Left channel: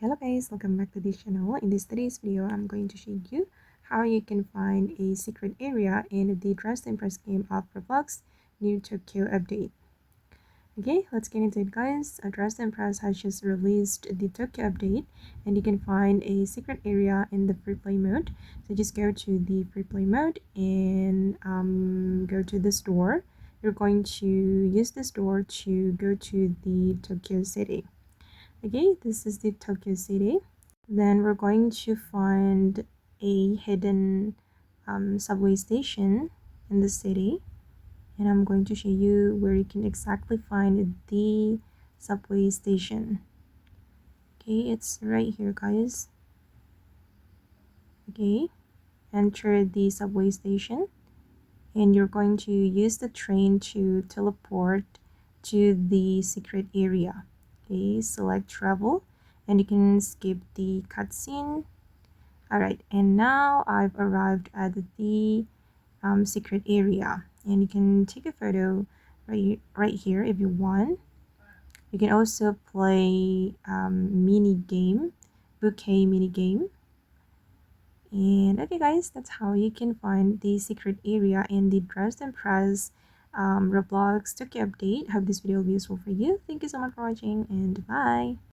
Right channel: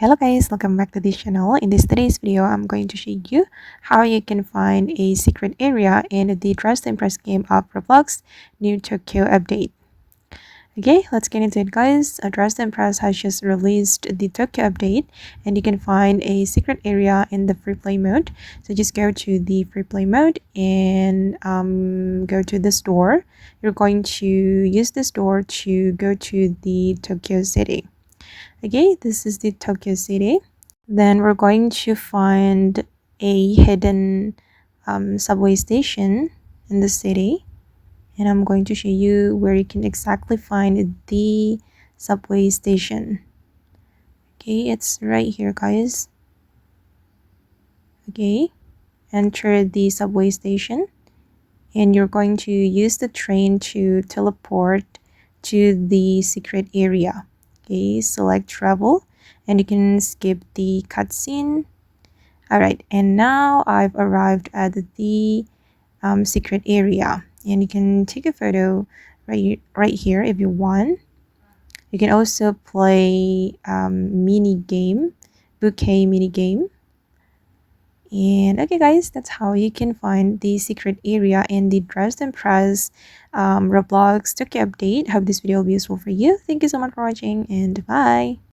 Hello guys, welcome back to this channel. In today's video, I'm going to show you how you can find a secret area in the Dress to Impress game of Roblox new Tokyo update. Okay, let's get into it guys. Dress to Impress has just released the Tokyo update and you can find a secret area in the free play mode. So just go to the free play mode and go to the store. You're going to use the store to go to the Tokyo city. Okay, this is the Tokyo city. Then we're going to find a hidden subway station in the city. And I'm going to show you where you can exactly find the subway station. Okay, it's right here, guys. Okay, enter the subway station. And you're going to use the train to teleport to the secret area. Okay, select travel and you can skip the cutscene. Alright, and now I've arrived at the secret area and you can take a photo right here if you want. You can also play mini game, bouquet mini game. And okay guys, that's how you can find the secret area in the Dress to Impress Roblox Tokyo update. Hope this video will be useful for you. Thank you so much for watching and bye.